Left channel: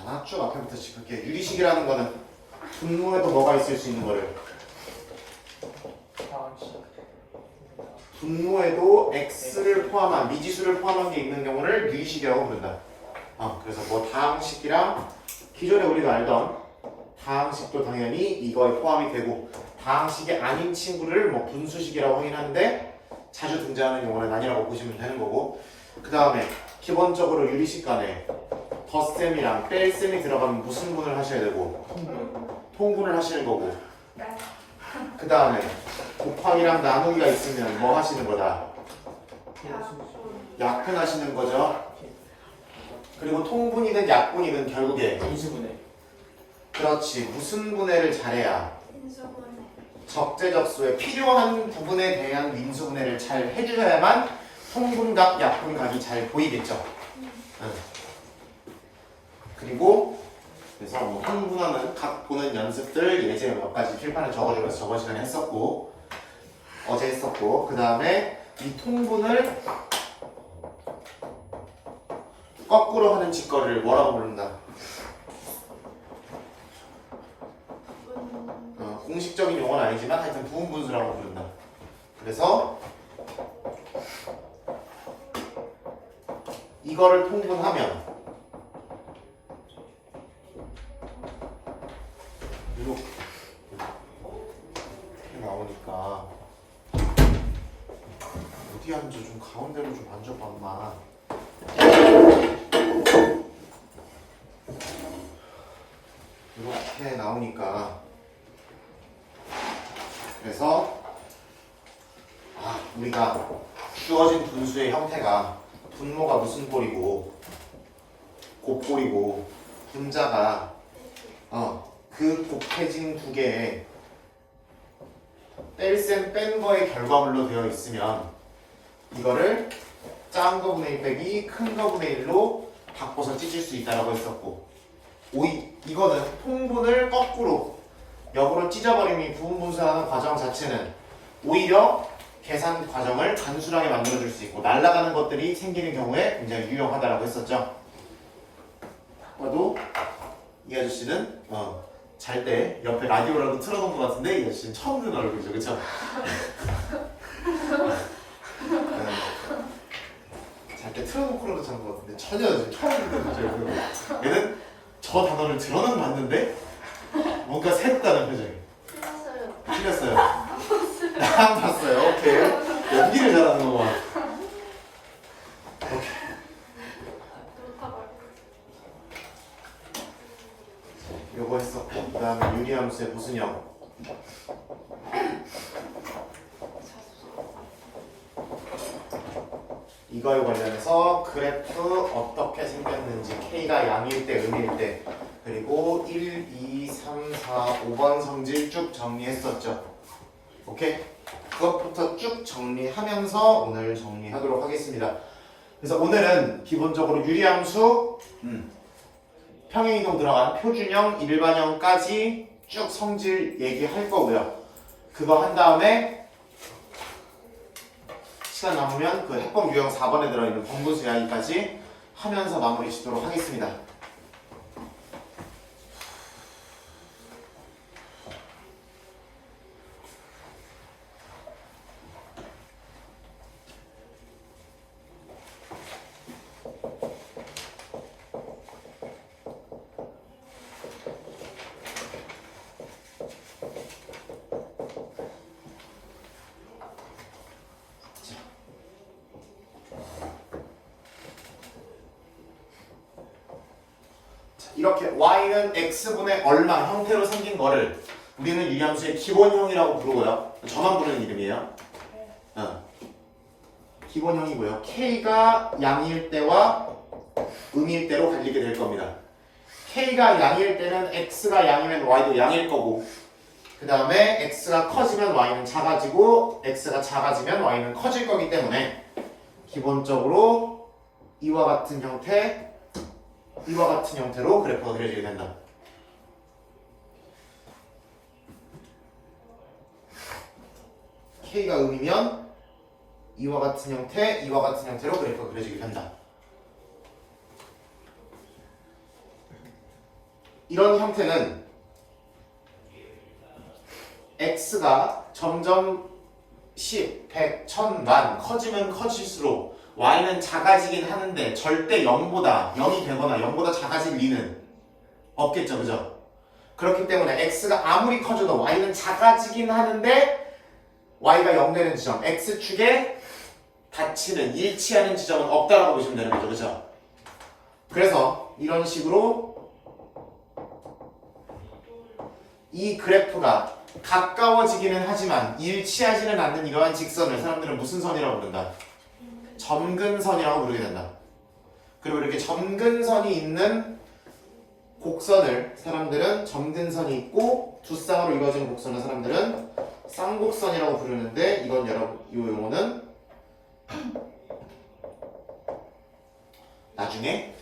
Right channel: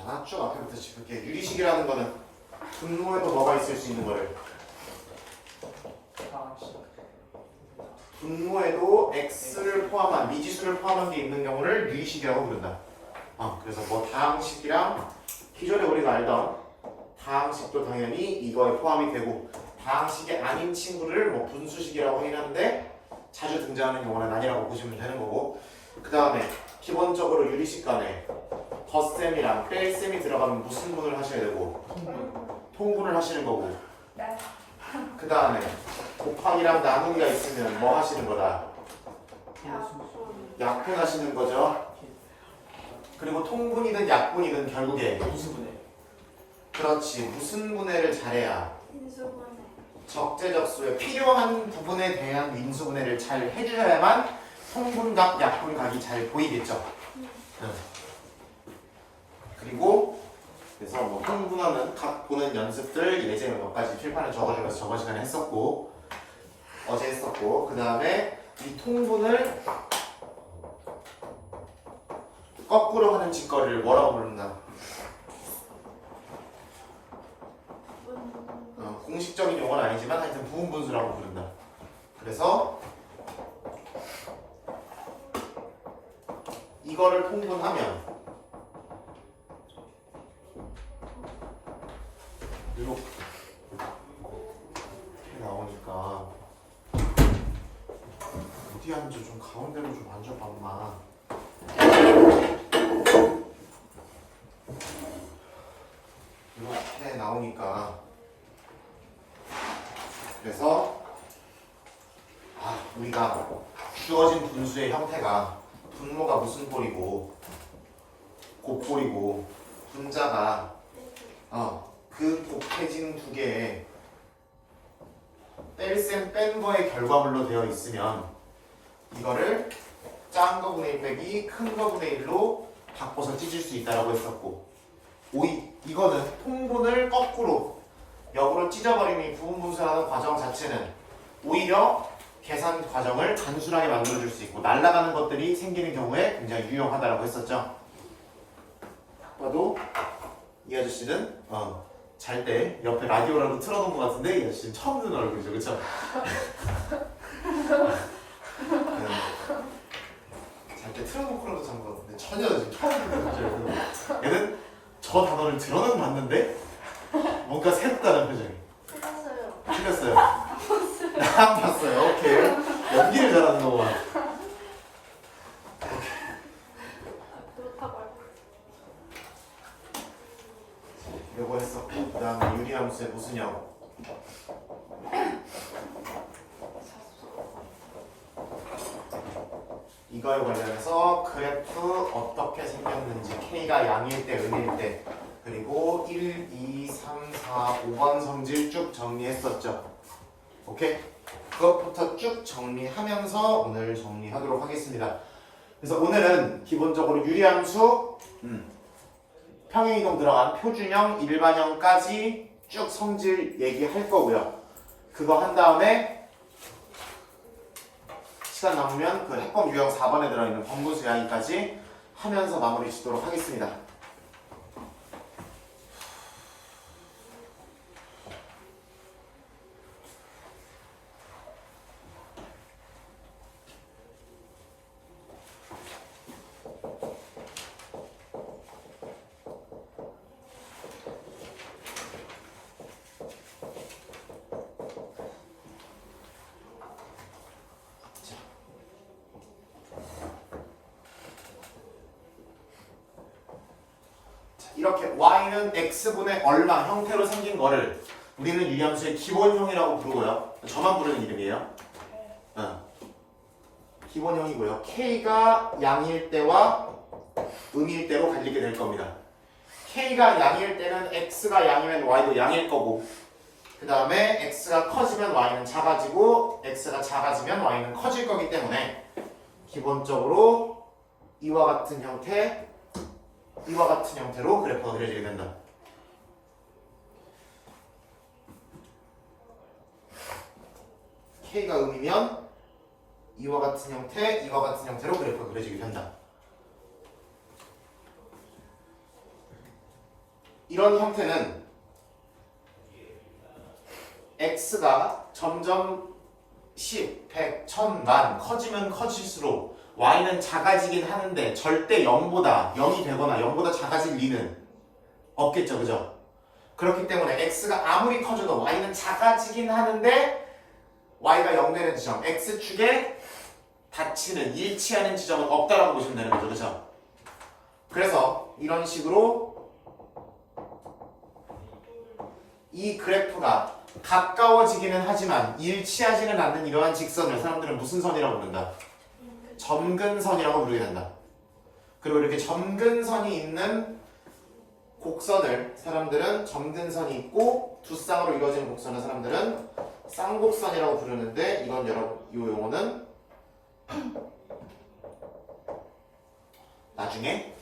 자, 쭉 앞에부터 짚을게요. 유리식이라는 거는 분모에도 뭐가 있을 수 있는 거를 분모에도 x를 포함한 미지수를 포함한 게 있는 경우를 유리식이라고 부른다. 그래서 뭐 다항식이랑 기존에 우리가 알던 다항식도 당연히 이거에 포함이 되고 다항식이 아닌 친구를 뭐 분수식이라고 하긴 하는데 자주 등장하는 용어는 아니라고 보시면 되는 거고, 그 다음에 기본적으로 유리식 간에 덧셈이랑 뺄셈이 들어가면 무슨 분을 하셔야 되고 통분을 하시는 거고, 그 다음에 곱하기랑 나누기가 있으면 뭐 하시는 거다? 약분하시는 거죠. 그리고 통분이든 약분이든 결국에 인수분해. 그렇지, 무슨 분해를 잘해야 적재적소에 필요한 부분에 대한 인수분해를 잘 해주셔야만 통분각, 약분각이 잘 보이겠죠. 그리고 그래서 뭐 통분하는 각 보는 연습들 예제에 몇 가지 필판에 적어주면서 저번 시간에 했었고 어제 했었고, 그 다음에 이 통분을 거꾸로 하는 짓거리를 뭐라고 부른다? 공식적인 용어는 아니지만 하여튼 부분분수라고 부른다. 그래서 이거를 통분하면 이렇게 나오니까 어디 앉아? 좀 가운데로 좀 앉아봐 엄마. 이렇게 나오니까 그래서 우리가 주어진 분수의 형태가 분모가 무슨 꼴이고 곱꼴이고 분자가 그 곱해진 두 개의 뺄셈 뺀 거의 결과물로 되어 있으면 이거를 작은 거분의 1 빼기 큰 거분의 1로 바꿔서 찢을 수 있다라고 했었고, 이거는 통분을 거꾸로 역으로 찢어버리면 이 부분분수하는 과정 자체는 오히려 계산 과정을 단순하게 만들어줄 수 있고 날아가는 것들이 생기는 경우에 굉장히 유용하다라고 했었죠. 봐도 이 아저씨는 잘 때 옆에 라디오라도 틀어놓은 것 같은데 이 아저씨는 처음 듣는 얼굴이죠, 그쵸? 잘 때 틀어놓고라도 잔 것 같은데 전혀 지금 처음 듣는 거죠. 얘는 저 단어를 들어는 봤는데 뭔가 새롭다는 표정이. 틀렸어요. 난 봤어요. 오케이. 연기를 잘하는 거구만. 오케이. 요거 했었고, 그 다음에 유리함수의 무슨 형? 이거에 관련해서 그래프 어떻게 생겼는지, K가 양일 때, 음일 때, 그리고 1, 2, 3, 4, 5번 성질 쭉 정리했었죠. 오케이? 그것부터 쭉 정리하면서 오늘 정리하도록 하겠습니다. 그래서 오늘은 기본적으로 유리함수, 평행이동 들어간 표준형, 일반형까지 쭉 성질 얘기할 거고요. 그거 한 다음에 시간 남으면 그 해법 유형 4번에 들어있는 번분수 이야기까지 하면서 마무리 짓도록 하겠습니다. 이렇게 y는 x분의 얼마 형태로 생긴 거를 우리는 유리함수의 기본형이라고 부르고요. 저만 부르는 이름이에요. 기본형이고요. k가 양일 때와 음일 때로 갈리게 될 겁니다. k가 양일 때는 x가 양이면 y도 양일 거고, 그 다음에 x가 커지면 y는 작아지고 x가 작아지면 y는 커질 거기 때문에 기본적으로 이와 같은 형태로 그래프가 그려지게 된다. K가 음이면 이와 같은 형태로 그래프가 그려지게 된다. 이런 형태는 x가 점점 10, 100, 1000만 커지면 커질수록 y는 작아지긴 하는데 절대 0보다 0이 되거나 0보다 작아질 리는 없겠죠. 그죠? 그렇기 때문에 x가 아무리 커져도 y는 작아지긴 하는데 y가 0 되는 지점, x축에 닫히는, 일치하는 지점은 없다라고 보시면 되는 거죠. 그죠? 그래서 이런 식으로 이 그래프가 가까워지기는 하지만 일치하지는 않는 이러한 직선을 사람들은 무슨 선이라고 부른다? 점근선이라고 부르게 된다. 그리고 이렇게 점근선이 있는 곡선을 사람들은 점근선이 있고 두 쌍으로 이루어지는 곡선을 사람들은 쌍곡선이라고 부르는데 이건 여러분 이 용어는 나중에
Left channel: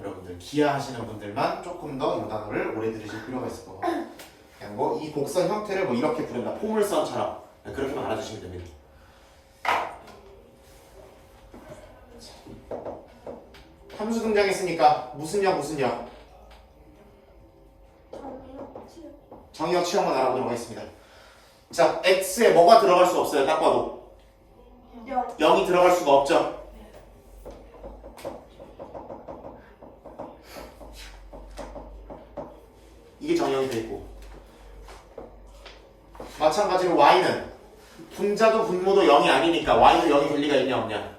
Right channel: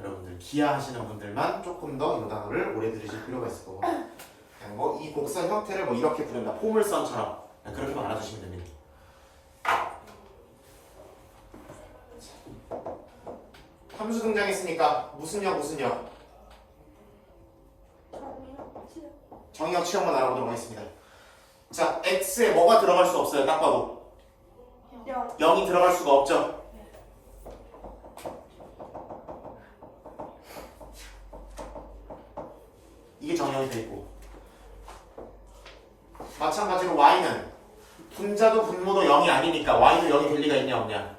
여러분들 기하 하시는 분들만 조금 더 이 단어를 오래 들으실 필요가 있을 거고 그냥 뭐 이 곡선 형태를 뭐 이렇게 부른다 포물선처럼 그렇게만 알아두시면 됩니다. 함수 등장했으니까 무슨 역 무슨 역 정의역 치역만 알아보도록 하겠습니다. 자 x에 뭐가 들어갈 수 없어요. 딱 봐도 0이 들어갈 수가 없죠. 이게 정의역이 돼 있고 마찬가지로 y는 분자도 분모도 0이 아니니까 y도 0이 될 리가 있냐 없냐?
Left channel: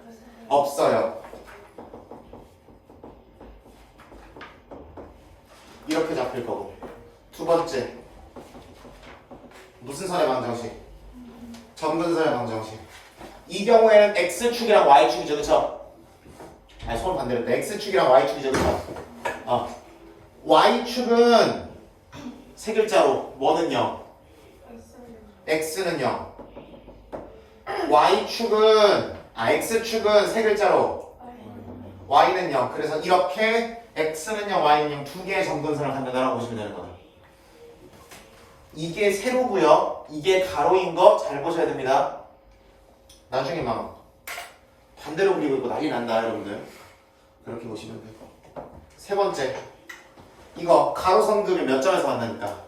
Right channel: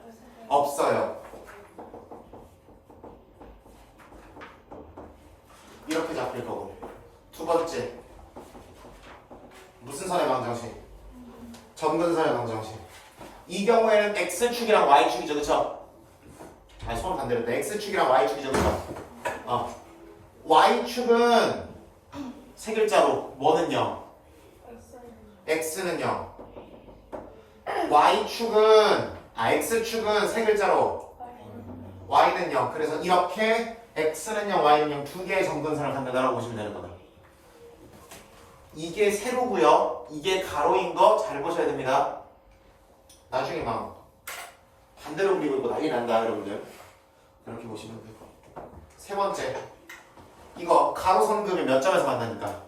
없어요. 이렇게 잡힐 거고 두 번째 무슨 선의 방정식? 점근선의 방정식. 이 경우에는 x축이랑 y축이죠. 그쵸? 아니 손 반대로 x축이랑 y축이죠. 그쵸? y축은 세 글자로 뭐는 0 x는 0 x축은 세 글자로 y는 0 그래서 이렇게 x는 0 y는 0 두 개의 점근선을 갖는다라고 보시면 되는 거다. 이게 세로고요 이게 가로인 거 잘 보셔야 됩니다. 나중에 막 반대로 그리고 있고 난리 난다 여러분들. 그렇게 보시면 돼요. 세 번째 이거 가로선급이 몇 점에서 만나니까?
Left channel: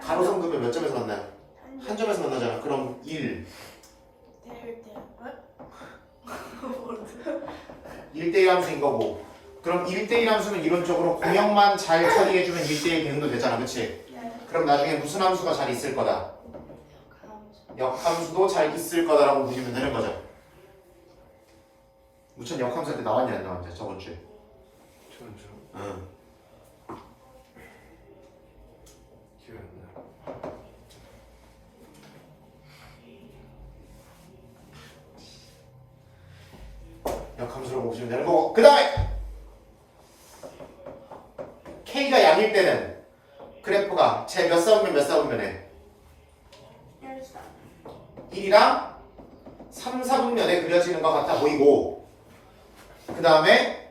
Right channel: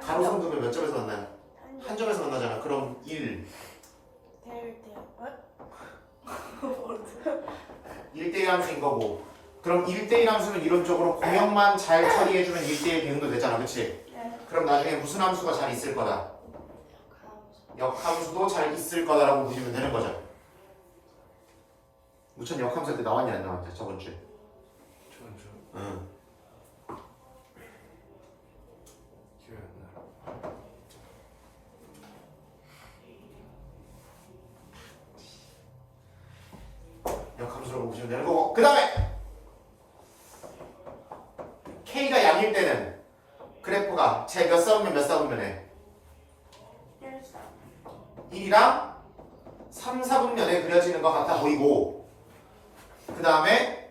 가로선급이 몇 점에서 만나요? 한 점에서 만나잖아. 그럼 1 1대1 함수인 거고 그럼 1대1 함수는 이론적으로 공역만 잘 처리해주면 1대1 대응도 되잖아. 그치? 그럼 나중에 무슨 함수가 잘 있을 거다? 역함수도 잘 있을 거다라고 보시면 되는 거죠. 무천 역함수 할 때 나왔냐 안 나왔냐 저번 주에? 응. 역함수라고 보시면 되는 거고 그 다음에 K가 양일 때는 그래프가 제 몇 사분면 몇 사분면에 1이랑 3, 4분면에 그려지는 것 같아 보이고 그 다음에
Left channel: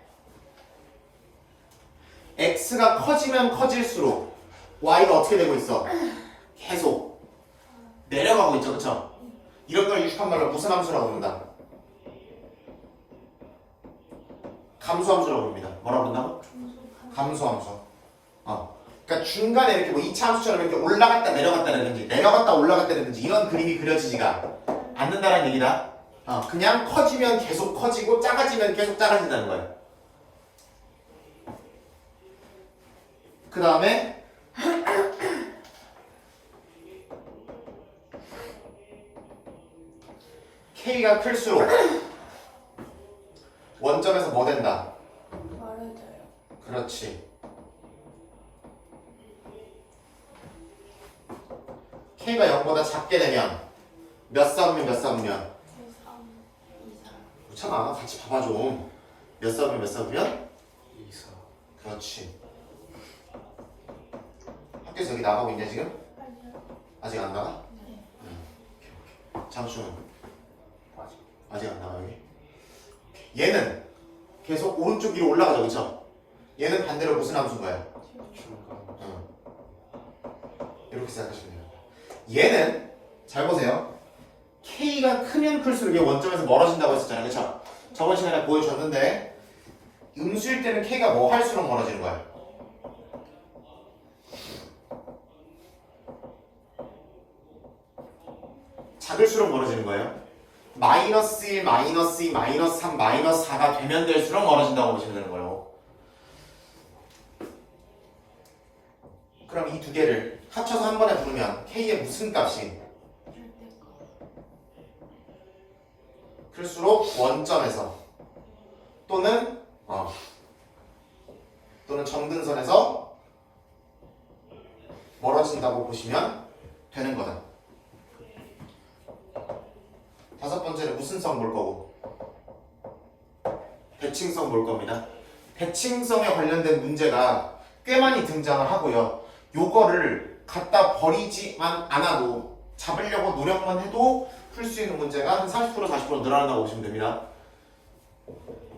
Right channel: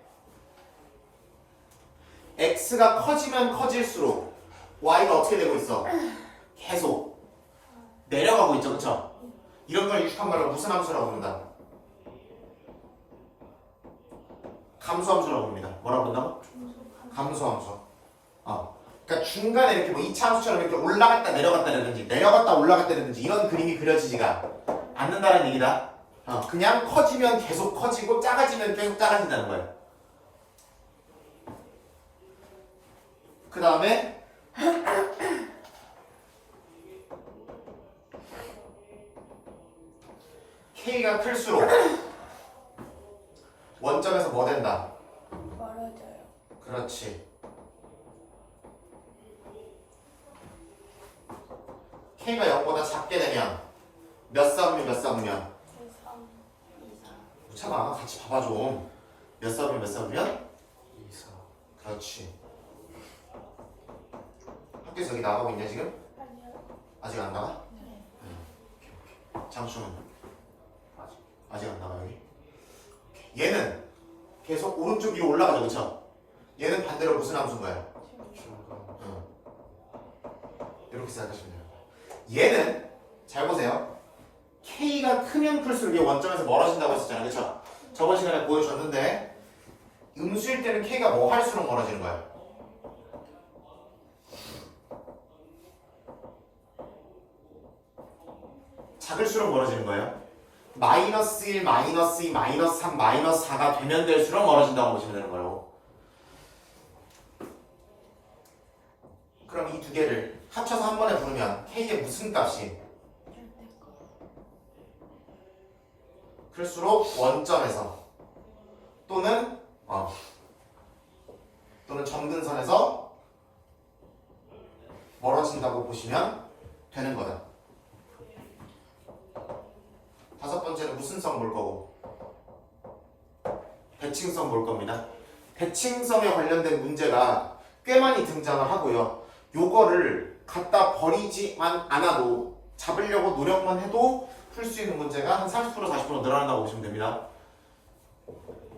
x가 커지면 커질수록 y가 어떻게 되고 있어? 계속 내려가고 있죠. 그쵸? 이런 걸 유식한 말로 무슨 함수라고 부른다? 감소함수라고 부릅니다. 뭐라고 부른다고? 감소함수. 그러니까 중간에 이렇게 뭐 2차 함수처럼 이렇게 올라갔다 내려갔다라든지 내려갔다 올라갔다라든지 이런 그림이 그려지지가 않는다는 얘기다. 그냥 커지면 계속 커지고 작아지면 계속 작아진다는 거예요. 그 다음에 K가 클수록 원점에서 뭐 된다? 멀어져요. 그렇지. K가 0보다 작게 되면 몇 사분면 몇 사분면? 참아 같이 봐봐 좀. 몇 사분면 몇 사분면? 2, 4. 그렇지. 학교에서 여기 나가고 있냐 지금? 아니요. 아직 안 나가? 네. 장수는? 아직 안 나가 여기? 얘는 계속 오른쪽 위로 올라가죠. 그쵸? 얘는 반대로 무슨 함수인 거야? 중간. 이렇게 생각하시면 돼요. 얘는 잘 보세요. K가 크면 클수록 이게 원점에서 멀어진다고 했었잖아요. 그쵸? 저번 시간에 보여줬는데 음수일 때는 K가 뭐 할수록 멀어지는 거야? 작을수록 멀어지는 거예요. 마이너스 1, 마이너스 2, 마이너스 3, 마이너스 4가 되면 될수록 멀어진다고 보시면 되는 거예요. 그럼 이 두 개를 합쳐서 한 번에 부르면 K의 무슨 값이? 클수록 원점에서 또는 점근선에서 멀어진다고 보시면 되는 거다. 다섯 번째는 무슨 성 볼 거고? 대칭성 볼 겁니다. 대칭성에 관련된 문제가 꽤 많이 등장을 하고요. 요거를 갖다 버리지만 않아도 잡으려고 노력만 해도 풀 수 있는 문제가 한 30% 40% 늘어난다고 보시면 됩니다.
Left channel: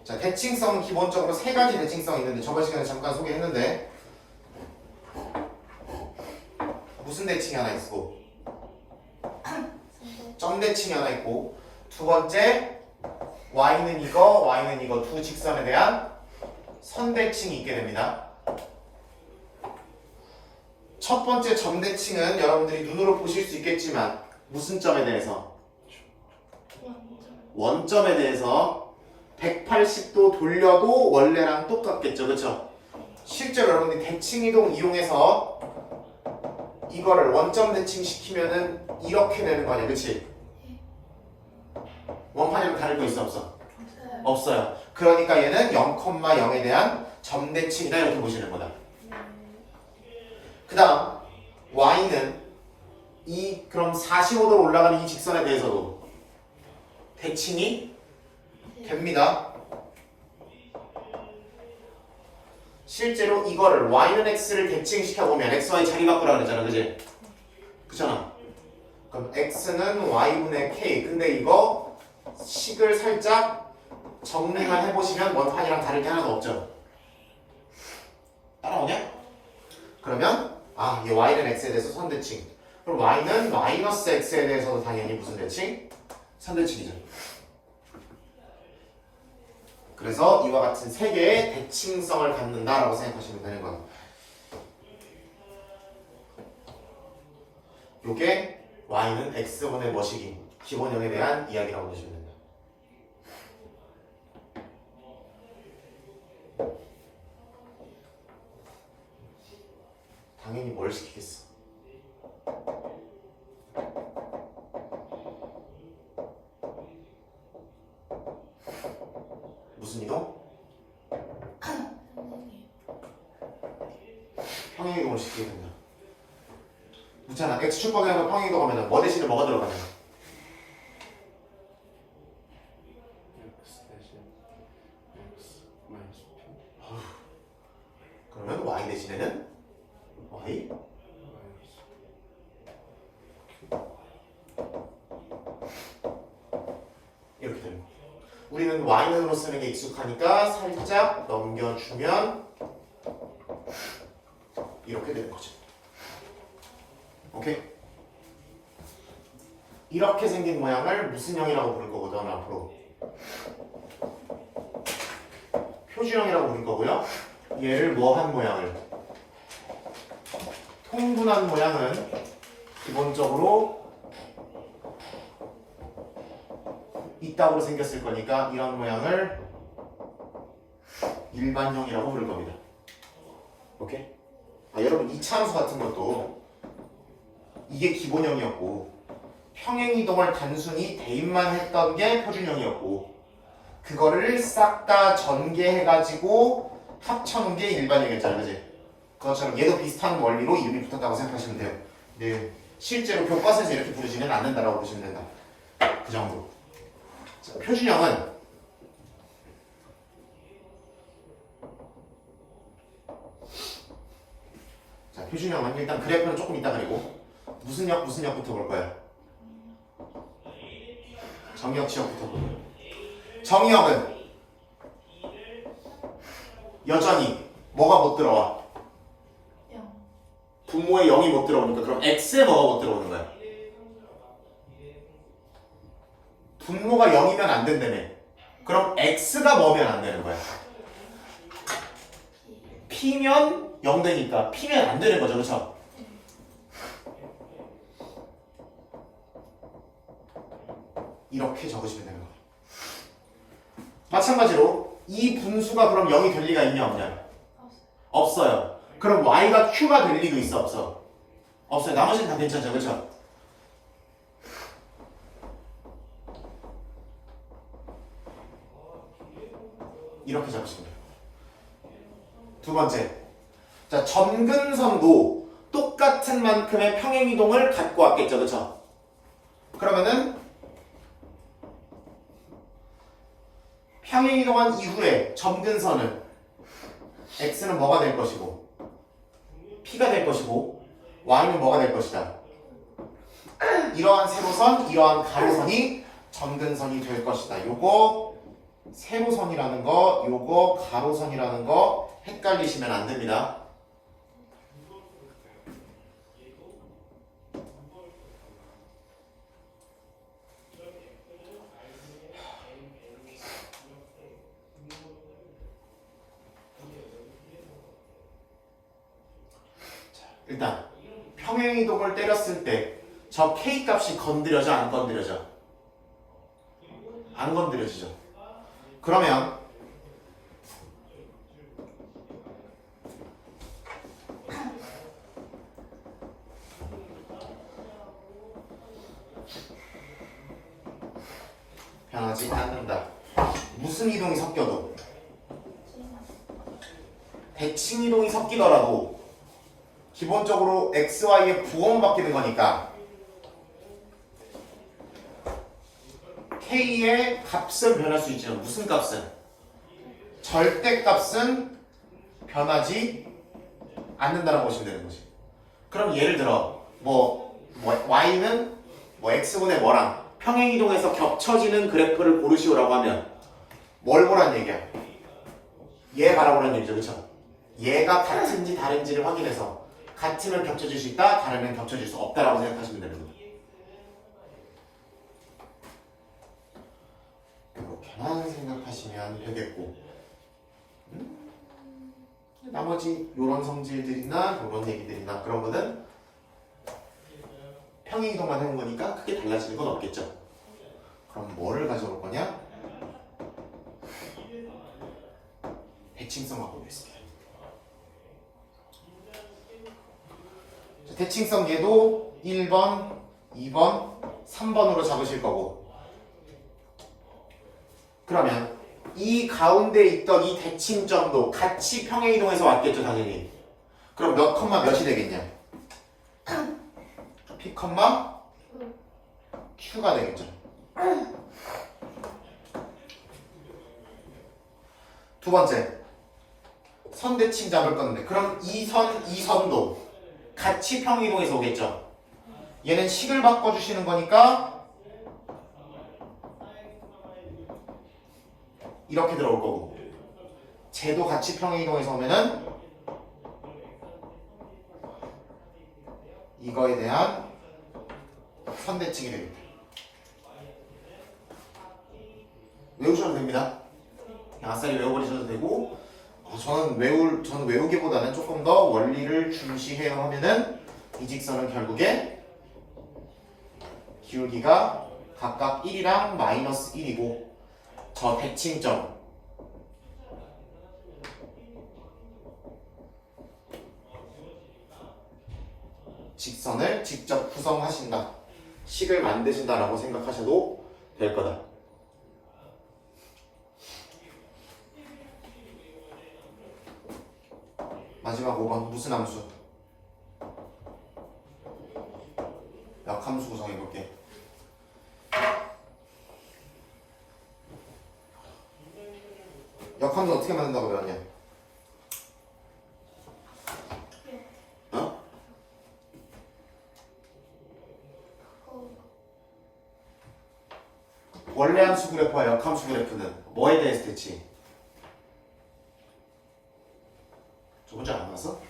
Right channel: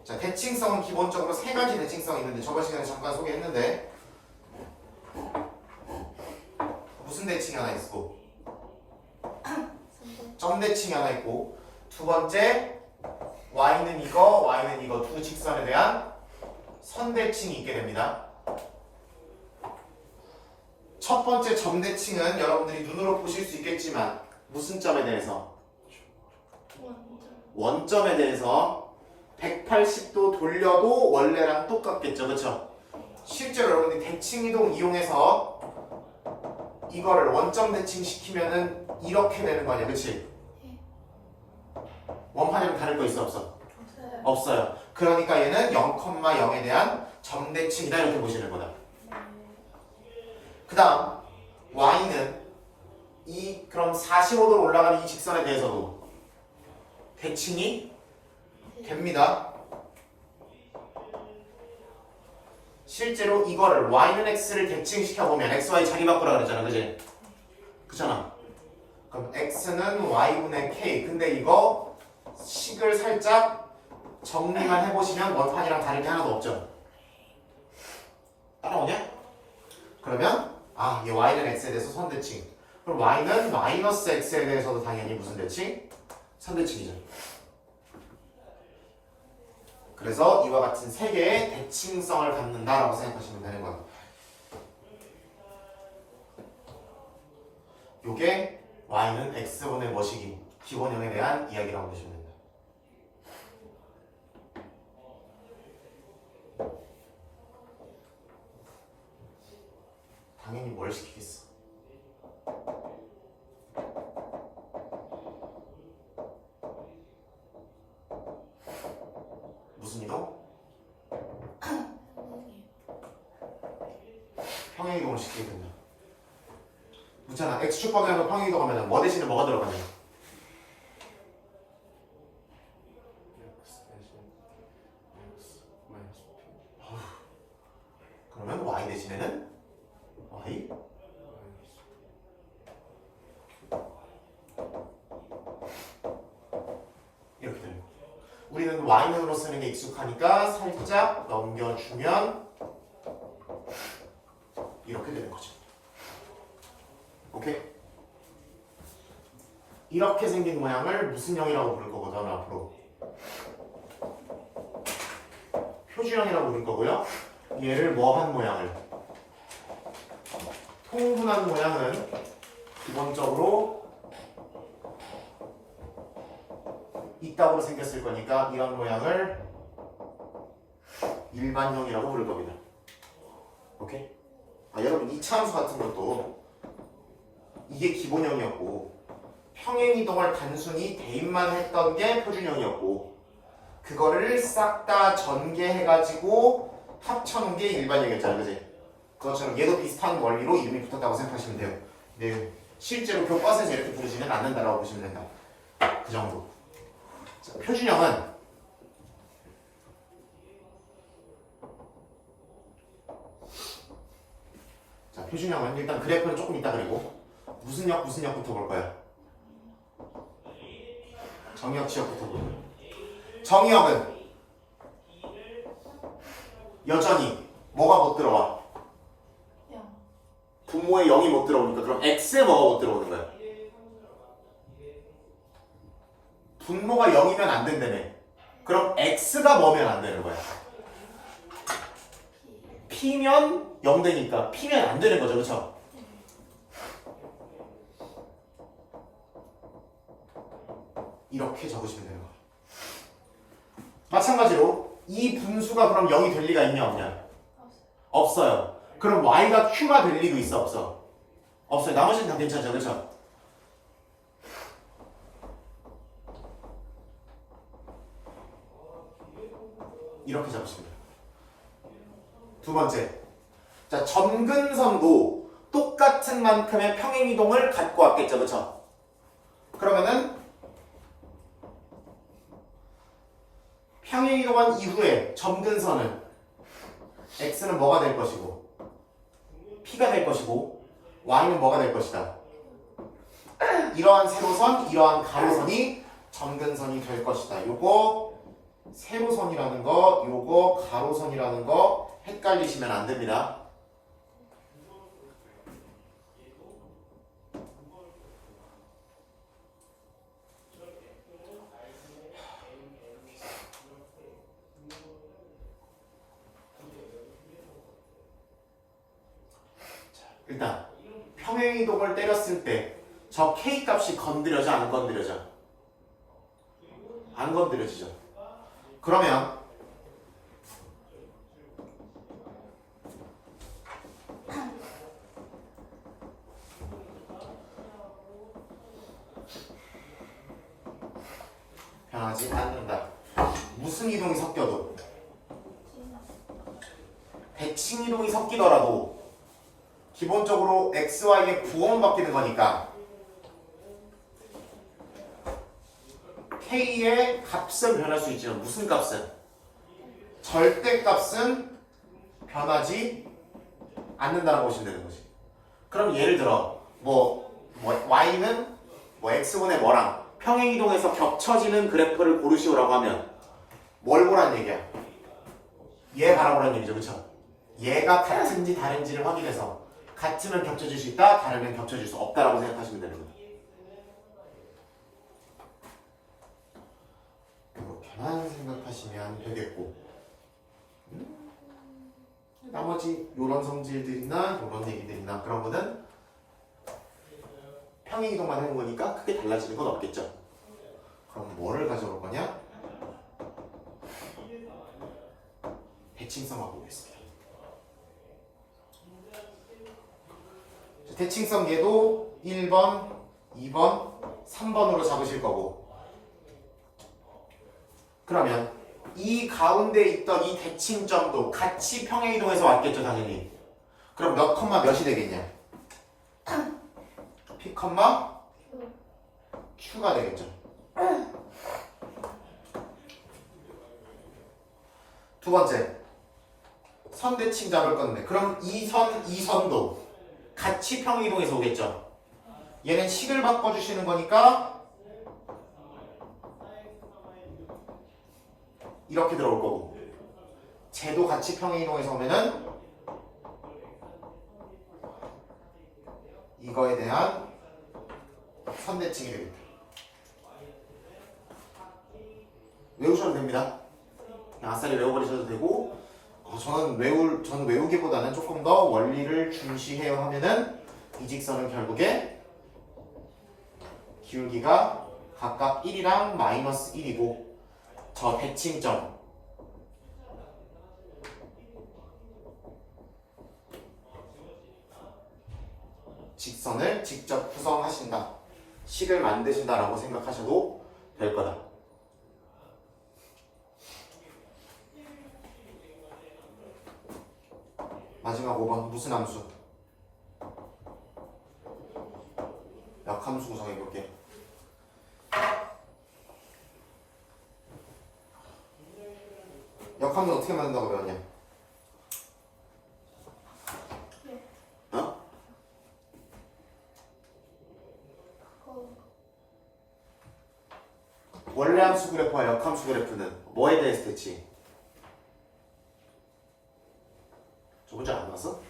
자, 대칭성은 기본적으로 세 가지 대칭성이 있는데 저번 시간에 잠깐 소개했는데 무슨 대칭이 하나 있고 점 대칭이 하나 있고 두 번째 y는 이거 두 직선에 대한 선 대칭이 있게 됩니다. 첫 번째 점 대칭은 여러분들이 눈으로 보실 수 있겠지만 무슨 점에 대해서? 원점에 대해서 180도 돌려도 원래랑 똑같겠죠, 그렇죠? 실제로 여러분들이 대칭이동 이용해서 이거를 원점 대칭 시키면은 이렇게 되는 거 아니야, 그렇지? 원판이랑 다른 거 있어 없어? 없어요. 그러니까 얘는 0,0에 대한 점 대칭이다 이렇게 보시는 거다. 그 다음 y는 그럼 45도로 올라가는 이 직선에 대해서도 대칭이 됩니다. 실제로 이거를 y는 x를 대칭시켜보면 xy 자리 바꾸라 그러잖아, 그지? 그잖아. 그럼 x는 y분의 k. 근데 이거 식을 살짝 정리만 해보시면 원판이랑 다를 게 하나도 없죠. 따라오냐? 그러면 이 y는 x에 대해서 선대칭. 그럼 y는 마이너스 x에 대해서도 당연히 무슨 대칭? 선대칭이죠. 그래서 이와 같은 세 개의 대칭성을 갖는다라고 생각하시면 되는 거예요. 요게 y는 x분의 뭐시기? 기본형에 대한 이야기라고 보시면 됩니다. 당연히 뭘 시키겠어? 무슨 이동? 평행이동을 시키게 된다. 묻잖아. x축 방향으로 평행이동 하면 뭐 대신에 뭐가 들어가냐? x 대신 x 마이너스 p 그러면 y 대신에는 y 마이너스 이렇게 되는 거. 우리는 y는으로 쓰는 게 익숙하니까 살짝 넘겨주면 이렇게 되는 거죠. 오케이? 이렇게 생긴 모양을 무슨 형이라고 부를 거거든 앞으로? 표준형이라고 부를 거고요. 얘를 뭐한 모양을? 통분한 모양은 기본적으로 이따구로 생겼을 거니까 이런 모양을 일반형이라고 부를 겁니다. 오케이? 여러분 이차함수 같은 것도 이게 기본형이었고 평행이동을 단순히 대입만 했던 게 표준형이었고 그거를 싹 다 전개해가지고 합쳐놓은 게 일반형이었잖아요, 그지? 그것처럼 얘도 비슷한 원리로 이름이 붙었다고 생각하시면 돼요. 네, 실제로 교과서에서 이렇게 부르지는 않는다라고 보시면 된다. 그 정도. 자, 표준형은 표준형은 일단 그래프는 조금 이따 그리고 무슨 역부터 볼 거예요? 정역 지역부터 볼 거예요. 정역은 여전히 뭐가 못 들어와? 분모에 0이 못 들어오니까 그럼 x에 뭐가 못 들어오는 거야? 분모가 0이면 안 된다며. 그럼 x가 뭐면 안 되는 거야? P면 0 되니까 P면 안 되는 거죠. 그렇죠? 이렇게 적으시면 돼요. 마찬가지로 이 분수가 그럼 0이 될 리가 있냐 없냐? 없어요. 그럼 y가 q가 될 리도 있어 없어? 없어요. 나머지는 다 괜찮죠. 그렇죠? 이렇게 잡으시면 돼요. 두 번째. 자, 점근선도 똑같은 만큼의 평행이동을 갖고 왔겠죠. 그렇죠? 그러면은 평행이동한 이후에 점근선은 x는 뭐가 될 것이고 p가 될 것이고 y는 뭐가 될 것이다. 이러한 세로선, 이러한 가로선이 점근선이 될 것이다. 요거 세로선이라는 거, 요거 가로선이라는 거 헷갈리시면 안 됩니다. 일단 평행이동을 때렸을 때 저 k 값이 건드려져 안 건드려져? 안 건드려지죠. 그러면 변하지 않는다. 무슨 이동이 섞여도 대칭 이동이 섞이더라도 기본적으로 x, y의 부호만 바뀌는 거니까 k의 값은 변할 수 있지만 무슨 값은? 절대값은 변하지 않는다라고 보시면 되는 거지. 그럼 예를 들어 y는 x분의 뭐랑 평행이동에서 겹쳐지는 그래프를 고르시오라고 하면 뭘 보란 얘기야? 얘 바라보란 얘기죠. 그렇죠? 얘가 같은지 다른지를 확인해서 같으면 겹쳐질 수 있다, 다르면 겹쳐질 수 없다라고 생각하시면 되는 거예요. 이렇게만 생각하시면 되겠고 나머지 요런 성질들이나 요런 얘기들이나 그런 거는 평행이동만 하는 거니까 크게 달라지는 건 없겠죠. 그럼 뭐를 가져올 거냐? 대칭성 갖고 오겠습니다. 대칭성 얘도 1번, 2번, 3번으로 잡으실 거고 그러면 이 가운데 있던 이 대칭점도 같이 평행이동해서 왔겠죠 당연히. 그럼 몇 컴마 몇이 되겠냐? P 컴마 Q가 되겠죠. 두 번째 선대칭 잡을 건데 그럼 이 선도 같이 평행이동해서 오겠죠. 얘는 식을 바꿔주시는 거니까 이렇게 들어올 거고 쟤도 같이 평행이동해서 오면은 이거에 대한 선대칭이 되겠다. 외우셔도 됩니다. 그냥 아싸리 외워버리셔도 되고 저는 외우기보다는 조금 더 원리를 중시해야 하면은 이 직선은 결국에 기울기가 각각 1이랑 마이너스 1이고 저 대칭점 직선을 직접 구성하신다. 식을 만드신다라고 생각하셔도 될 거다. 마지막 5번 무슨 함수? 역함수 구성해볼게. 역함수 어떻게 만든다고 배웠냐? 어? 원래 함수 그래프와 역함수 그래프는 뭐에 대해서 대치? 저 문제 안 나왔어?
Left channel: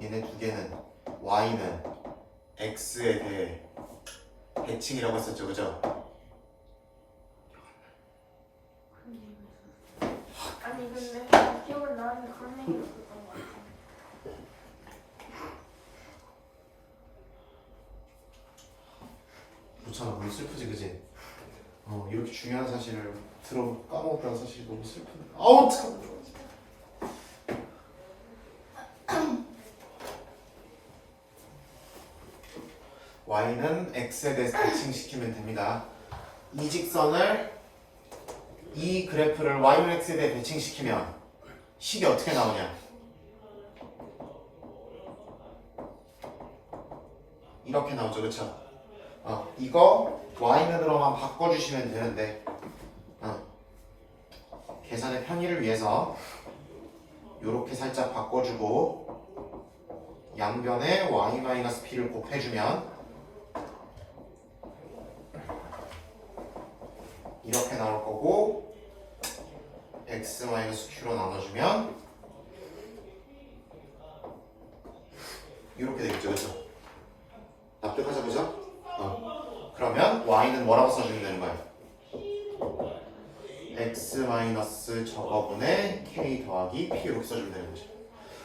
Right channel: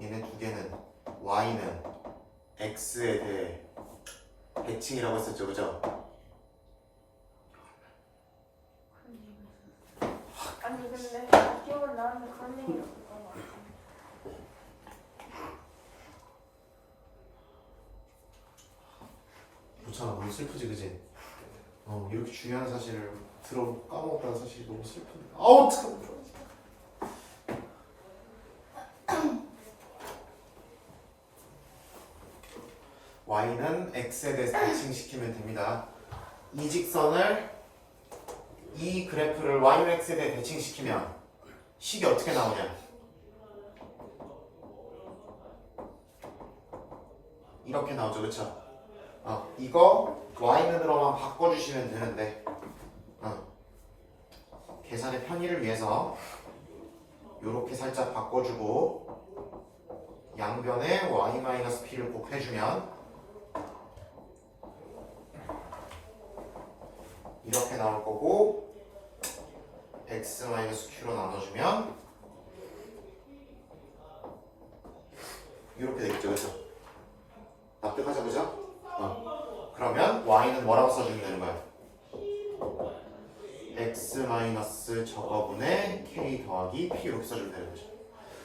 얘네 두 개는 y는 x에 대해 대칭이라고 했었죠, 그죠? 좋잖아. 너무 슬프지, 그지? 이렇게 중요한 사실을 까먹었다는 사실이 너무 슬픈데. 아우, 참. y는 x에 대해서 대칭시키면 됩니다. 이 직선을 이 그래프를 y는 x에 대해 대칭시키면 식이 어떻게 나오냐? 이렇게 나오죠, 그쵸? 이거 y는으로만 바꿔주시면 되는데 계산의 편의를 위해서 이렇게 살짝 바꿔주고 양변에 y-p를 곱해주면 이렇게 나올 거고 x-q로 나눠주면 이렇게 되겠죠, 그쵸? 납득하자, 그죠? 그러면 y는 뭐라고 써주면 되는 거야? x 마이너스 저거분의 k 더하기 p 이렇게 써주면 되는 거죠.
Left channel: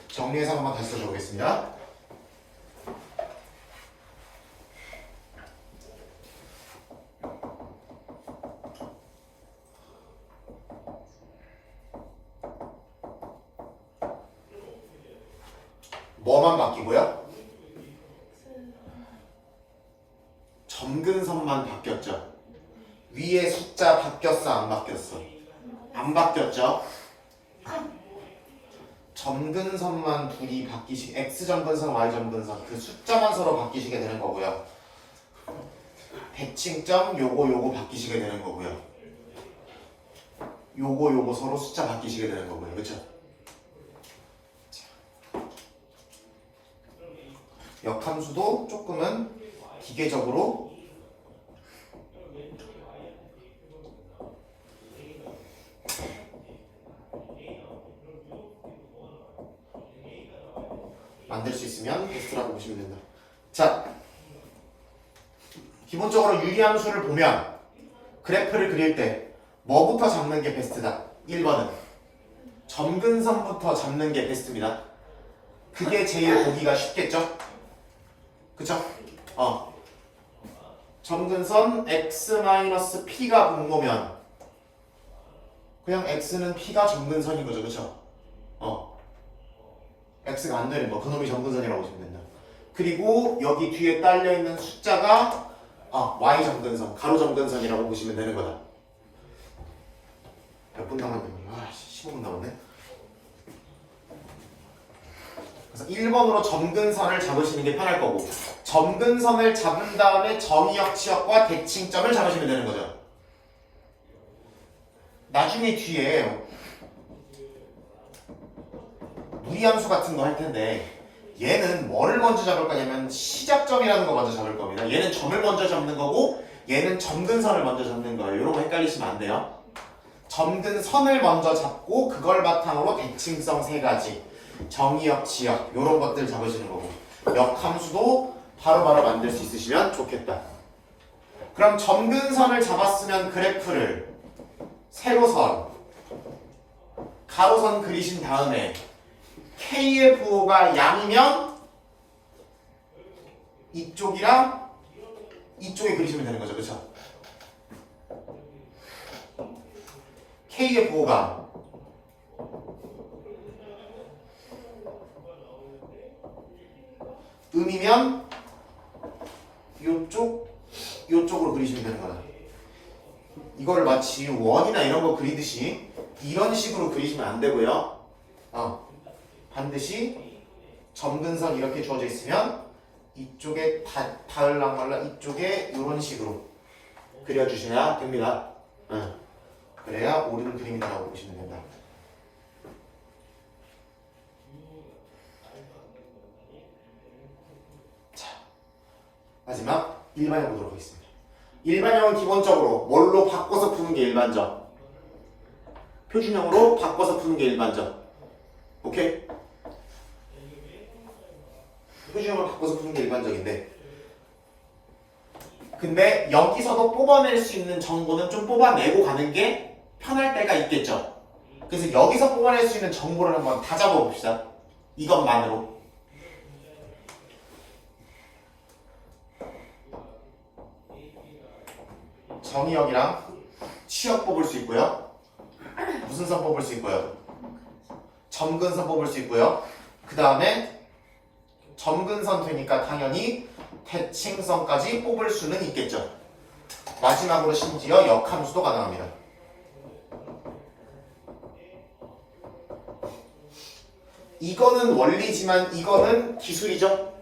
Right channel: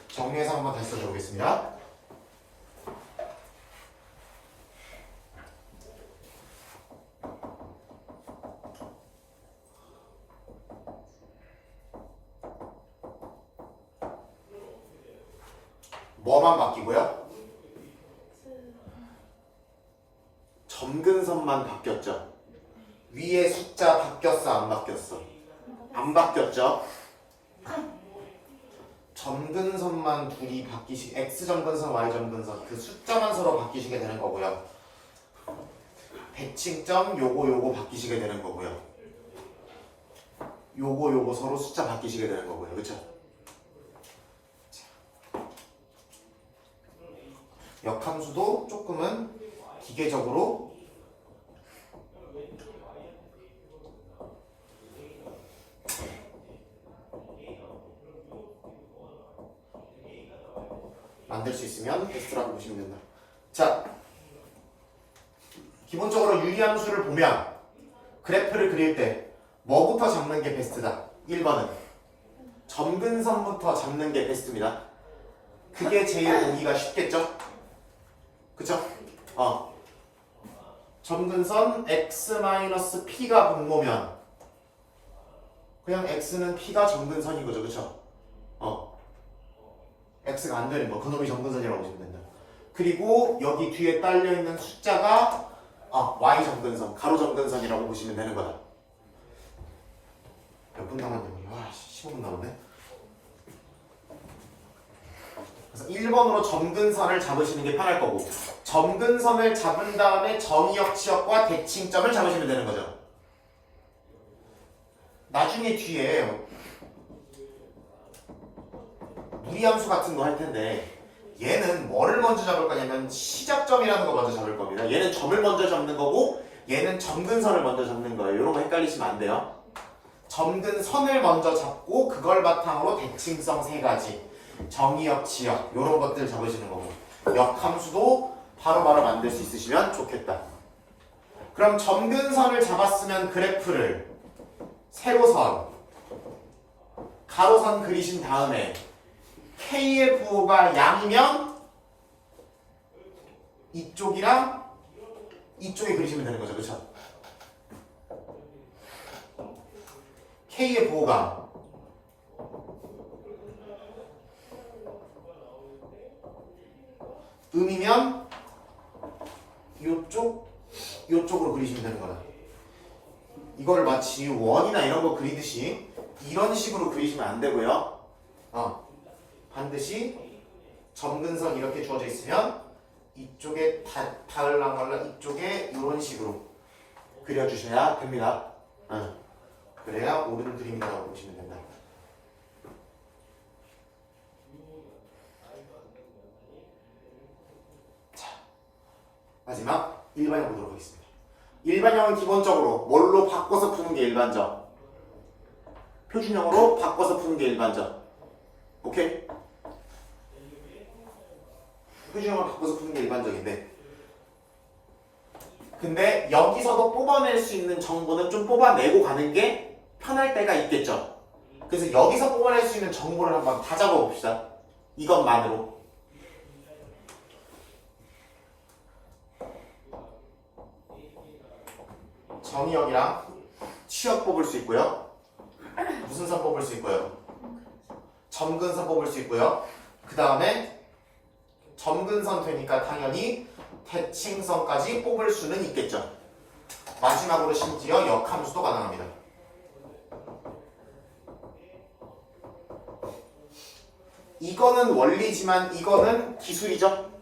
정리해서 한번 다시 써줘 보겠습니다. 뭐만 바뀌고요? 점근선만 바뀌었죠. 위에 숫자 바뀌었어, 안 바뀌었어? 안 바뀌었죠. 점근선만 둘이 x 점근선, y 점근선 그 숫자만 서로 바뀌시게 되는 거고요. 대칭점 요거 바뀌시게 되는 거고요. 요거 서로 숫자 바뀌시게 되는 거고요. 그렇죠? 역함수도 조금은 기계적으로 만들 수 있으면 베스트라고 보시면 된다. 자, 기본적으로 유리함수를 보면 그래프를 그릴 때 뭐부터 잡는 게 베스트다? 1번은 점근선부터 잡는 게 베스트입니다. 그게 제일 보기가 쉽겠죠? 그쵸? 점근선 x-p가 분모면 그냥 x는 p가 점근선인 거죠, 그쵸? x가 안 되는 거, 그놈이 점근선이라고 보시면 된다. 그리고 여기 뒤에 딸려있는 숫자가 y 점근선, 가로 점근선이라고 보시면 되는 거다. 몇 분 남았냐고요? 15분 남았네. 그래서 1번으로 점근선을 잡으시는 게 편할 거고 점근선을 잡은 다음에 정의역, 치역과 대칭점을 잡으시면 되는 거죠. 나중에 뒤에 무리함수 같은 거 할 텐데 얘는 뭐를 먼저 잡을 거냐면 시작점이라는 거 먼저 잡을 겁니다. 얘는 점을 먼저 잡는 거고 얘는 점근선을 먼저 잡는 거예요. 이런 거 헷갈리시면 안 돼요. 점근선을 먼저 잡고 그걸 바탕으로 대칭성 3가지 정의역, 치역 이런 것들 잡으시는 거고 역함수도 바로바로 만들 수 있으시면 좋겠다. 그럼 점근선을 잡았으면 그래프를 세로선, 가로선 그리신 다음에 K의 부호가 양이면 이쪽이랑 이쪽에 그리시면 되는 거죠. 그쵸? K의 부호가 음이면 요쪽으로 그리시면 되는 거다. 이거를 마치 원이나 이런 거 그리듯이 이런 식으로 그리시면 안 되고요. 반드시 점근선 이렇게 주어져 있으면 이쪽에 닿을랑말랑 이쪽에 이런 식으로 그려주셔야 됩니다. 그래야 옳은 그림이라고 보시면 된다. 자, 마지막 일반형 보도록 하겠습니다. 일반형은 기본적으로 뭘로 바꿔서 푸는 게 일반적? 표준형으로 바꿔서 푸는 게 일반적. 오케이? 표준형으로 바꿔서 푸는 게 일반적인데 근데 여기서도 뽑아낼 수 있는 정보는 좀 뽑아내고 가는 게 편할 때가 있겠죠. 그래서 여기서 뽑아낼 수 있는 정보를 한번 다 잡아봅시다. 이것만으로. 정의역이랑 취역 뽑을 수 있고요. 무슨 선 뽑을 수 있고요? 점근선 뽑을 수 있고요. 그 다음에 점근선 되니까 당연히 대칭선까지 뽑을 수는 있겠죠. 마지막으로 심지어 역함수도 가능합니다. 이거는 원리지만 이거는 기술이죠.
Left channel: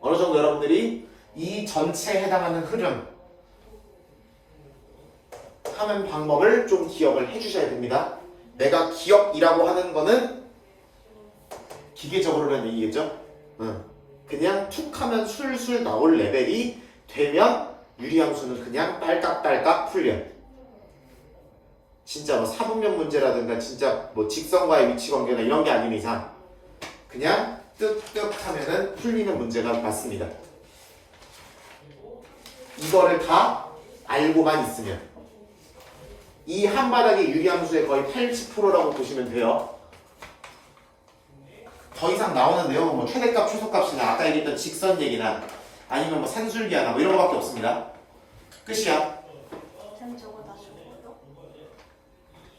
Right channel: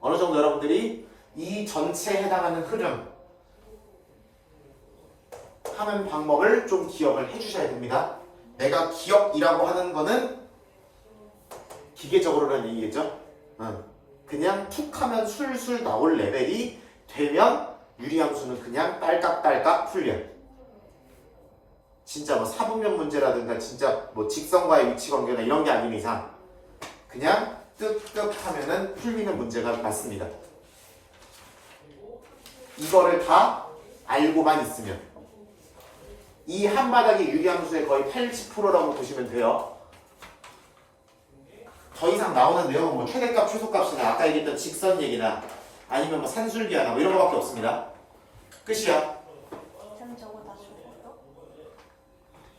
어느 정도 여러분들이 이 전체에 해당하는 흐름 하는 방법을 좀 기억을 해주셔야 됩니다. 내가 기억이라고 하는 거는 기계적으로는 얘기겠죠. 그냥 툭 하면 술술 나올 레벨이 되면 유리함수는 그냥 딸깍딸깍 풀려. 진짜 뭐 사분면 문제라든가 진짜 뭐 직선과의 위치 관계나 이런 게 아닌 이상 그냥 뜩뜩 하면은 풀리는 문제가 맞습니다. 이거를 다 알고만 있으면 이 한 바닥의 유리함수의 거의 80%라고 보시면 돼요. 더 이상 나오는 내용은 뭐 최대값, 최소값이나 아까 얘기했던 직선 얘기나 아니면 뭐 산술기하나 뭐 이런 거밖에 없습니다. 끝이야. 쌤 저거 다 죽어요?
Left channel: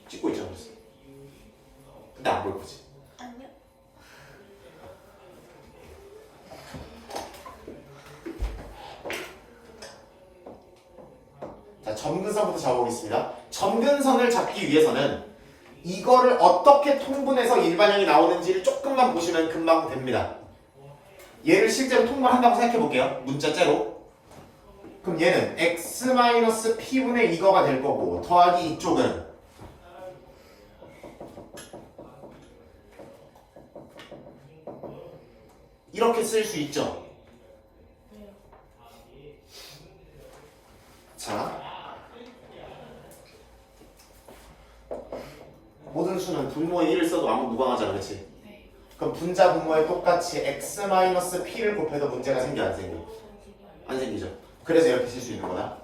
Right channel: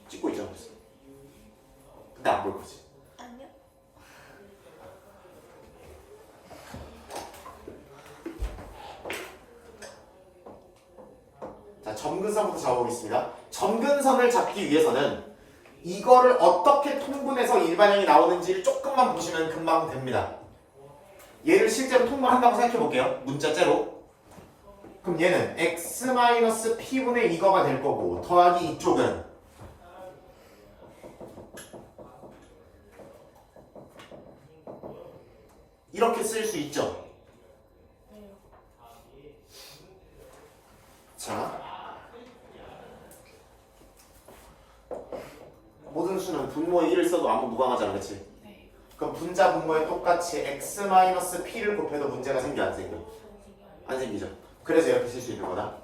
찍고 있잖아. 근데 안 볼 거지. 아니요. 자, 점근선부터 잡아보겠습니다. 점근선을 잡기 위해서는 이거를 어떻게 통분해서 일반형이 나오는지를 조금만 보시면 금방 됩니다. 얘를 실제로 통분한다고 생각해 볼게요. 문자째로. 그럼 얘는 x-p분의 이거가 될 거고 더하기 이쪽은 이렇게 쓸 수 있죠. 자, 모든 수는 분모에 1을 써도 아무 무방하잖아, 그치? 네. 그럼 분자 분모에 똑같이 x-p를 곱해도 문제가 생겨 안 생겨? 안 생기죠. 그래서 이렇게 쓸 수 있는 거다.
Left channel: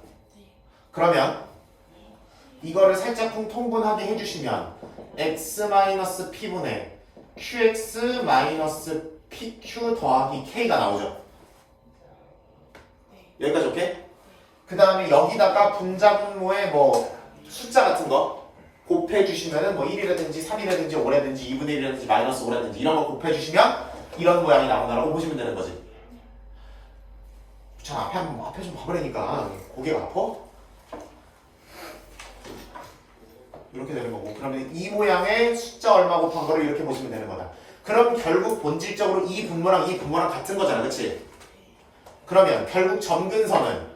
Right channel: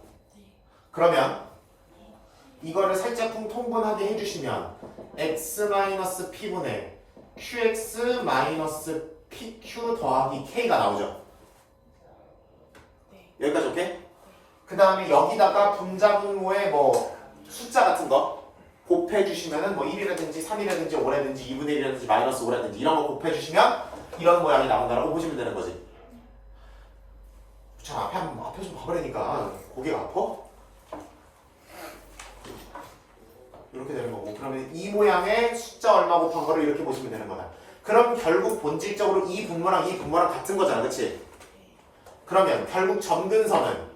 그러면 이거를 살짝 통분하게 해주시면 x-p분의 qx-pq 더하기 k가 나오죠. 여기까지 오케이? 그 다음에 여기다가 분자 분모에 뭐 숫자 같은 거 곱해주시면은 뭐 1이라든지 3이라든지 5라든지 2분의 1이라든지 마이너스 5라든지 이런 거 곱해주시면 이런 모양이 나온다라고 보시면 되는 거지. 자, 앞에 좀 봐버리니까 고개가 아파? 이렇게 되는 거고, 그러면 이 모양의 숫자 얼마 곱한 거를 이렇게 보시면 되는 거다. 그럼 결국 본질적으로 이 분모랑 같은 거잖아, 그치? 그러면 결국 점근선은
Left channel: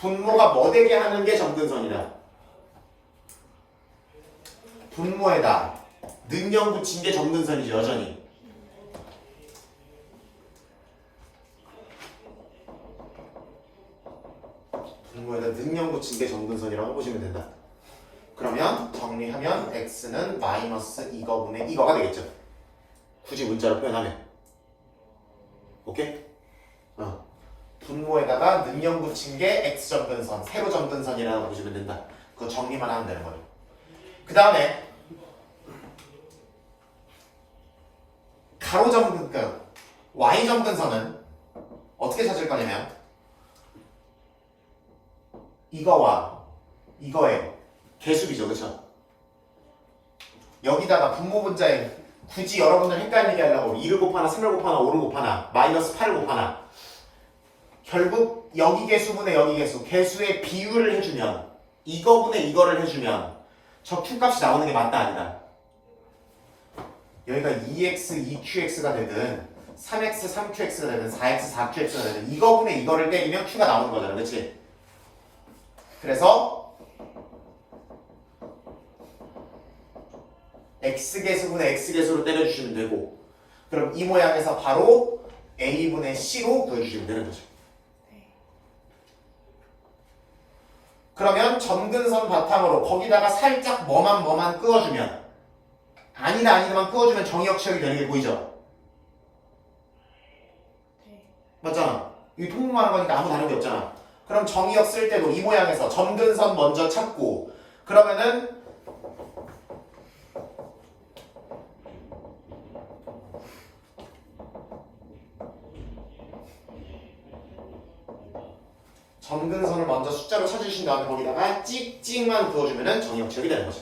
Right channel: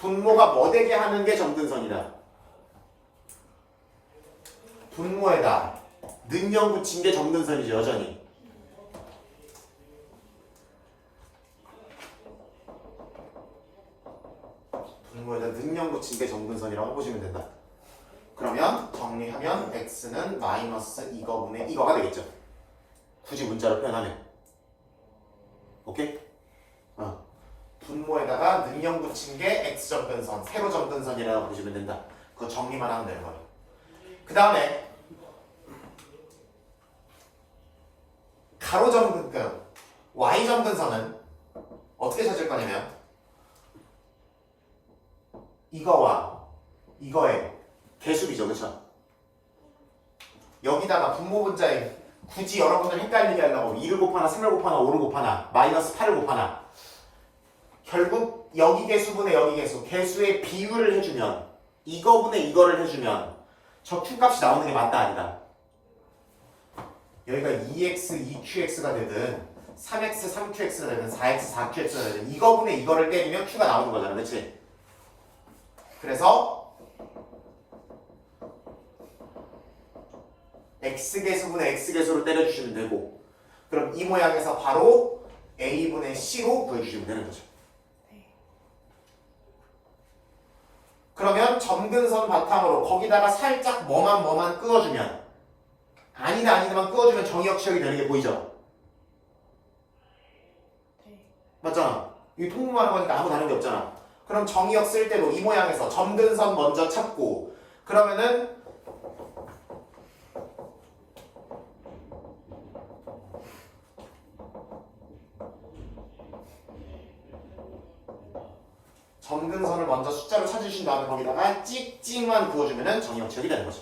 분모가 뭐 되게 하는 게 점근선이다. 분모에다 능형 붙인 게 점근선이죠, 여전히. 분모에다 능형 붙인 게 점근선이라고 보시면 된다. 그러면 정리하면 x는 마이너스 이거분의 이거가 되겠죠. 굳이 문자로 표현하면. 오케이? 분모에다가 능형 붙인 게 x점근선, 세로 점근선이라고 보시면 된다. 그거 정리만 하면 되는 거예요. 그 다음에 가로점근선, y점근선은 어떻게 찾을 거냐면 이거와 이거의 개수비죠, 그쵸? 여기다가 분모 분자에 굳이 여러분들 헷갈리게 하려고 2를 곱하나 3을 곱하나 5를 곱하나 마이너스 8을 곱하나 결국 여기 개수분의 여기 개수, 개수의 비율을 해주면 이거분의 이거를 해주면 저 q값이 나오는 게 맞다 아니다. 여기가 2x, 2qx가 되든 3x, 3qx가 되든 4x, 4qx가 되든 이거분의 이거를 때리면 q가 나오는 거잖아, 그치? 그래서 x개수분의 x개수로 때려주시면 되고, 그럼 이 모양에서 바로 a분의 c로 구해주시면 되는 거죠. 그러면 점근선 바탕으로 거기다가 살짝 뭐만 끄어주면 아니다만 끄어주면 정의역 취역이 되는 게 보이죠? 맞잖아. 이 통분하는 거니까 아무 다른 게 없잖아. 그럼 정의역 쓸 때도 이 모양에서 점근선 먼저 찾고, 그러면은 점근선을 먼저 숫자로 찾으신 다음에 거기다가 찍찍만 그어주면은 정의역 지역이 되는 거죠.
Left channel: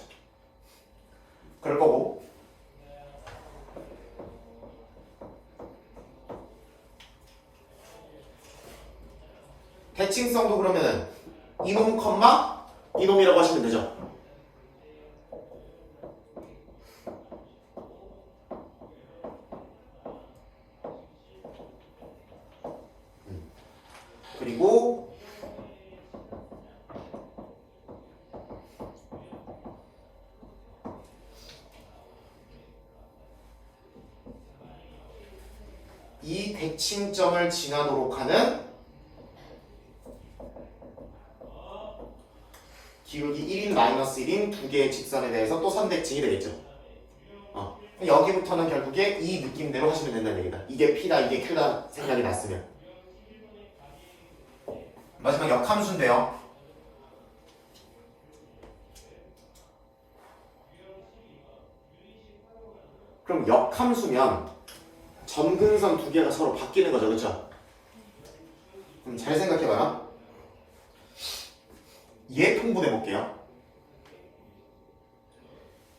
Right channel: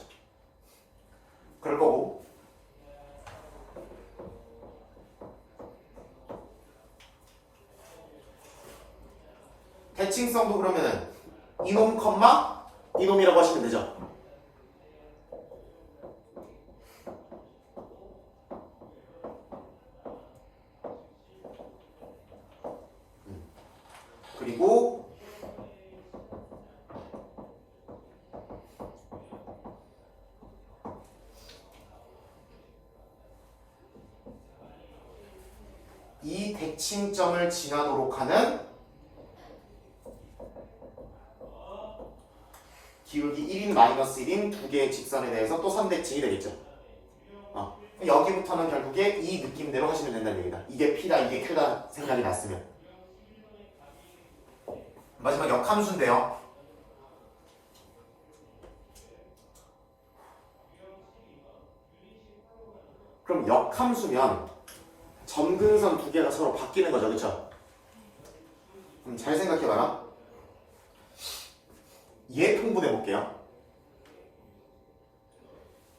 그럴 거고 대칭성도 그러면은 이놈 컴마 이놈이라고 하시면 되죠. 그리고 이 대칭점을 지나도록 하는 기울기 1인 마이너스 1인 두 개의 직선에 대해서 또 선대칭이 되겠죠. 여기부터는 결국에 이 느낌대로 하시면 된다는 얘기다. 이게 P다 이게 Q다 생각이 났으면. 마지막 역함수인데요. 그럼 역함수면 점근선 두 개가 서로 바뀌는 거죠. 그렇죠? 잘 생각해봐라. 얘 통분해 볼게요.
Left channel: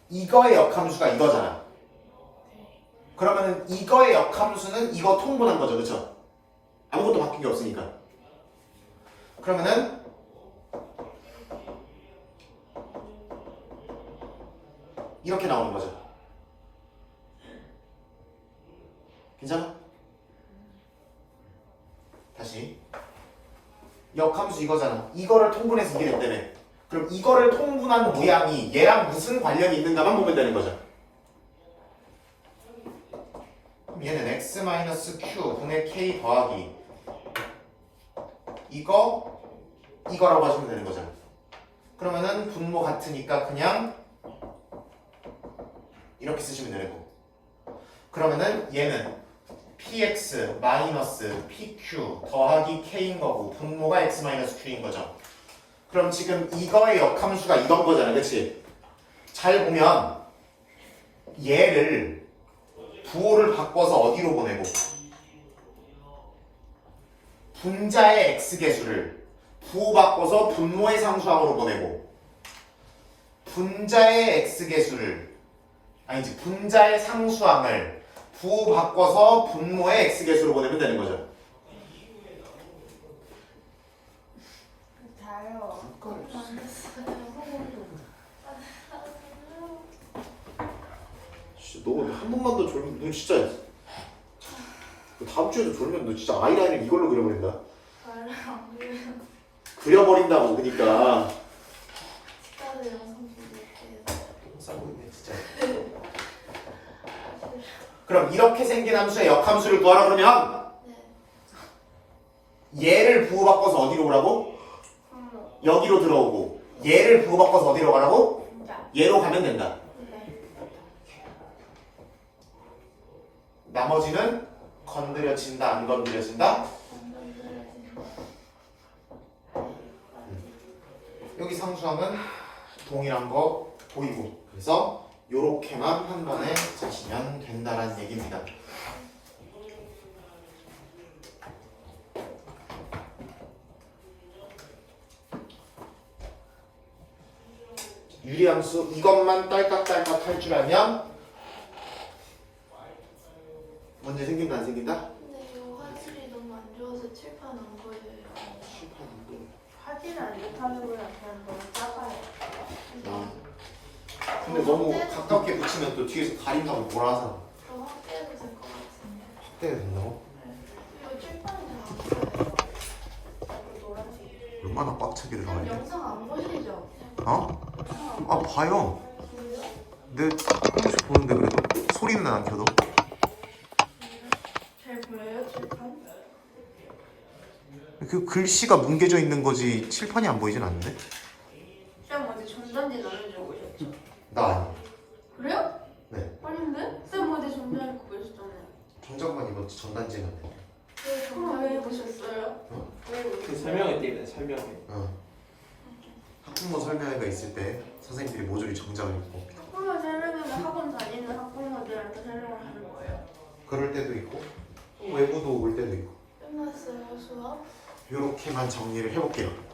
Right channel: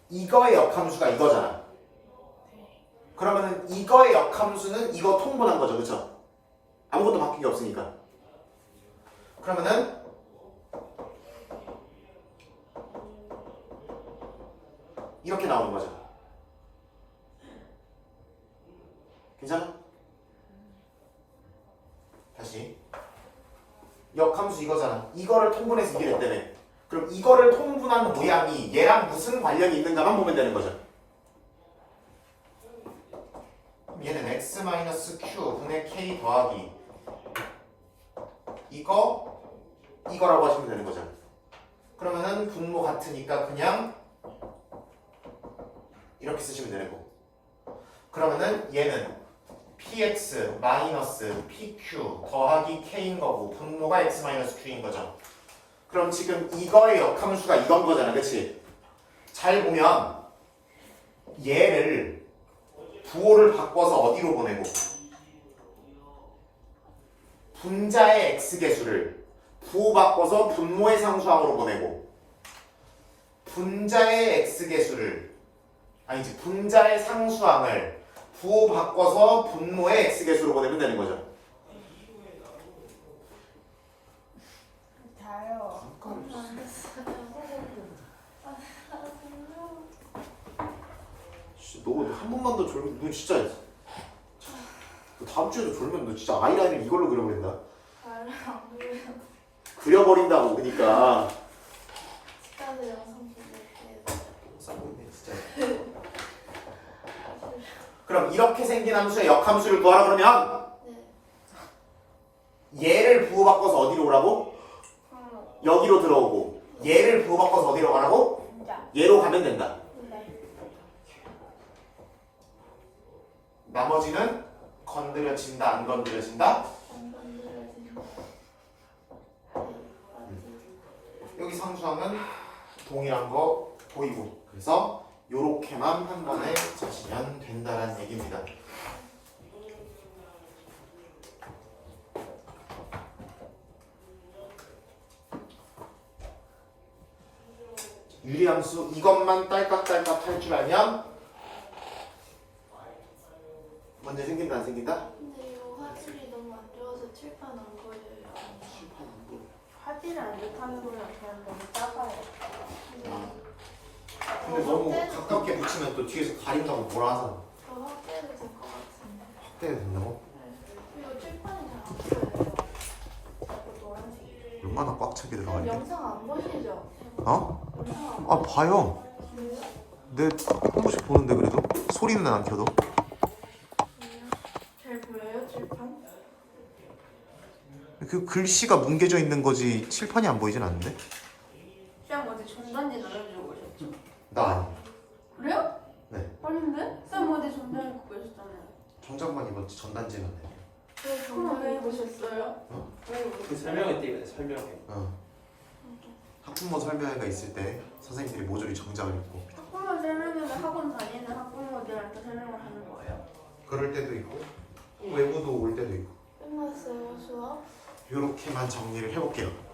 이거의 역함수가 이거잖아. 그러면은 이거의 역함수는 이거 통분한 거죠. 그렇죠? 아무것도 바뀐 게 없으니까. 그러면은 이렇게 나오는 거죠. 괜찮아? 다시 역함수 이거잖아. 이거를 통분해서 이게 됐다며. 그럼 이거를 통분한 모양이 얘랑 무슨 관련이 있는가만 보면 되는 거죠. 그럼 얘는 x-q 분의 k 더하기 이거라고 하시면 되는 거죠. 그러면은 분모 같으니까 그냥 이렇게 쓰시면 되는 거고. 그러면은 얘는 px 마이너스 pq 더하기 k인 거고 분모가 x 마이너스 q인 거죠. 그럼 지금 이거의 역함수가 이건 거잖아. 그치? 잘 보면 얘를 부호를 바꿔서 어디로 보내고 분자의 x개수를 부호 바꿔서 분모의 상수항으로 보내고 분자의 x개수를 아니지 분자의 상수항을 부호 바꿔서 분모의 x개수로 보내면 되는 거죠. 다요. 진짜 너 한 번만 더 졸면 너 진짜 다음 주에도 졸면 너 진짜 아이라인을 이걸로 그려버린다. 그려버린다고. 그러니까 나도 영상 보낼게. 싸보이네 진짜. 그럼 이렇게 생긴 함수의 역함수를 구하라 그러면 얘를 부호 바꿔서 어디로 오라고? 여기로 들어오고 얘를 부호 바꿔서 어디로 가라고? 얘로 가면 된다. 나머지는 건드려진다 안 건드려진다? 여기 상수항은 동일한 거 보이고 그래서 요렇게만 한 번에 짜시면 된다라는 얘기입니다. 유리함수 이것만 딸깍딸깍 할 줄 알면 문제 생긴다 안 생긴다? 근데 이거 화질이 너무 안 좋아서 칠판 안 보여요. 칠판 안 보여. 화질이 안 좋다는 거야. 그냥 너무 작아요. 근데 너무 가깝게 붙이면 또 뒤에서 가린다고 뭐라 하잖아. 더 확대해도 될 것 같은데. 확대가 된다고? 이거 칠판이 안 보여요. 노란색. 얼마나 꽉 차게 들어가 있냐? 영상 안 보이시죠? 어? 영상 안 아 봐요. 내 한 번씩 보는데 그래도 소리는 안 켜도. 잘 보여요? 칠판? 그 글씨가 뭉개져 있는 거지 칠판이 안 보이진 않는데? 쌤 어제 전단지 나눠주고 오셨죠? 나 아니. 그래요? 네. 아닌데? 쌤 어제 전단 입고 계셨잖아요. 정장만 입었지 전단지는. 왜 전단 입으셨어요? 어? 왜 입으셨어요? 그 설명회 때 설명회. 학부모 설명회가 있을 때 선생님들이 모조리 정장을 입고. 학부모 설명회는 학원 다니는 학부모들한테 설명을 하는 거예요? 그럴 때도 있고 또 외부도 올 때도 있고. 끝났어요 수업? 이렇게만 정리를 해볼게요.